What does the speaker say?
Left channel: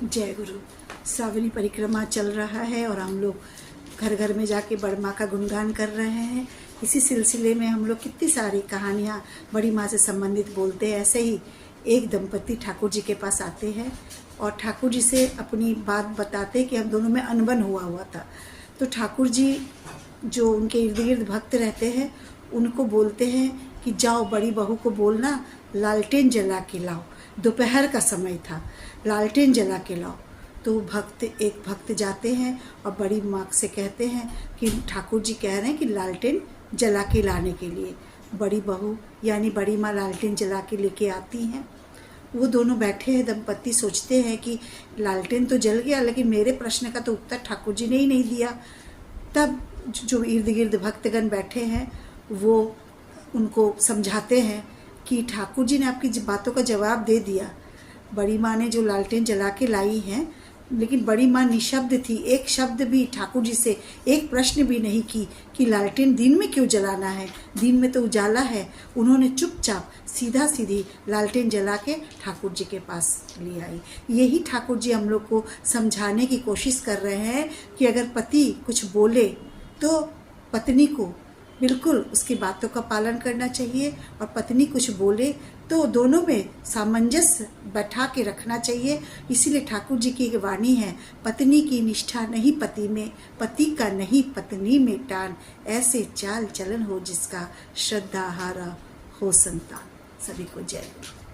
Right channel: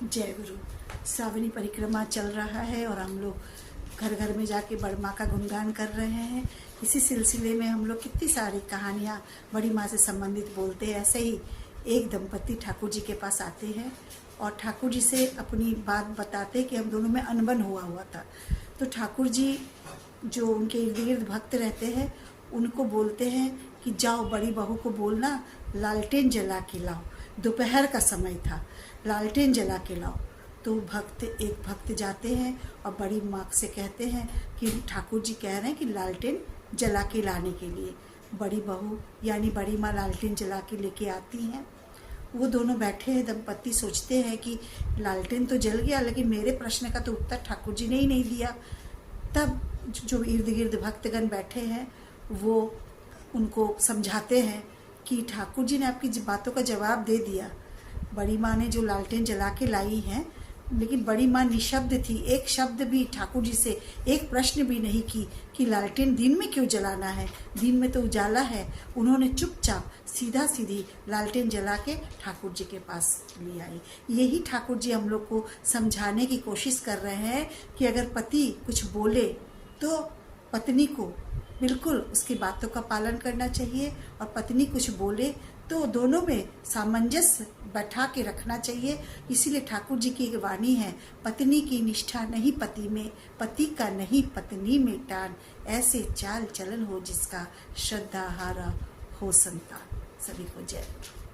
जय गुरु। श्रावणी परिक्रमा चल रहा है और हम लोग घर घर में जाके बड़ी माँ का गुणगान कर रहे हैं। इसी सिलसिले में हम लोग कितनी सारी कहानियाँ बड़ी माँ से संबंधित बोलते हैं। ऐसे ही एक दंपति ठाकुर जी के पास आते हैं और ठाकुर जी से अपनी बात बताते कि हम दोनों में अनबन हुआ था। तो ठाकुर जी जो उनके इर्द गिर्द भक्त रहते हैं उनको बोलते हैं कि जाओ बड़ी बहू को बोलना लालटेन जला के लाओ। दोपहर का समय था, लालटेन जला के लाओ। तो एक भक्त जाते हैं और बड़ी माँ से कहते हैं कि ठाकुर जी कह रहे हैं कि लालटेन जला के लाने के लिए। बड़ी बहू यानी बड़ी माँ लालटेन जला के लेके आती हैं। वो दोनों बैठे हैं, दंपति सोचते हैं कि लालटेन तो जल गया, लेकिन मेरे प्रश्न का तो उत्तर ठाकुर जी ने ही नहीं दिया। तब जो इर्द गिर्द भक्तगण बैठे हैं वो उनको समझाते हैं कि ठाकुर जी ने आपकी बातों का जवाब दे दिया। बड़ी माँ ने जो लालटेन जला के लाई हैं, लेकिन बड़ी माँ निशब्द थी। एक शब्द भी ठाकुर जी से, एक प्रश्न भी नहीं की कि लालटेन दिन में क्यों जलाना है, दिन में तो उजाला है। उन्होंने चुपचाप सीधा सीधी लालटेन जला के ठाकुर जी के पास ले आई। यही ठाकुर जी हम लोग को समझाने की कोशिश कर रहे हैं कि अगर पति कुछ बोले तो पत्नी को बिल्कुल उसकी बातों का पालन करना चाहिए, और पत्नी कुछ बोले तो दोनों में सामंजस्य बैठा के रखना चाहिए। इसीलिए ठाकुर जी की एक वाणी है, पत्नी की निष्ठा नहीं पति में, पति का नहीं पत्नी में टान, ऐसे चाल चलन हो जिसका श्रद्धा हारा हो संतान। सभी को जय।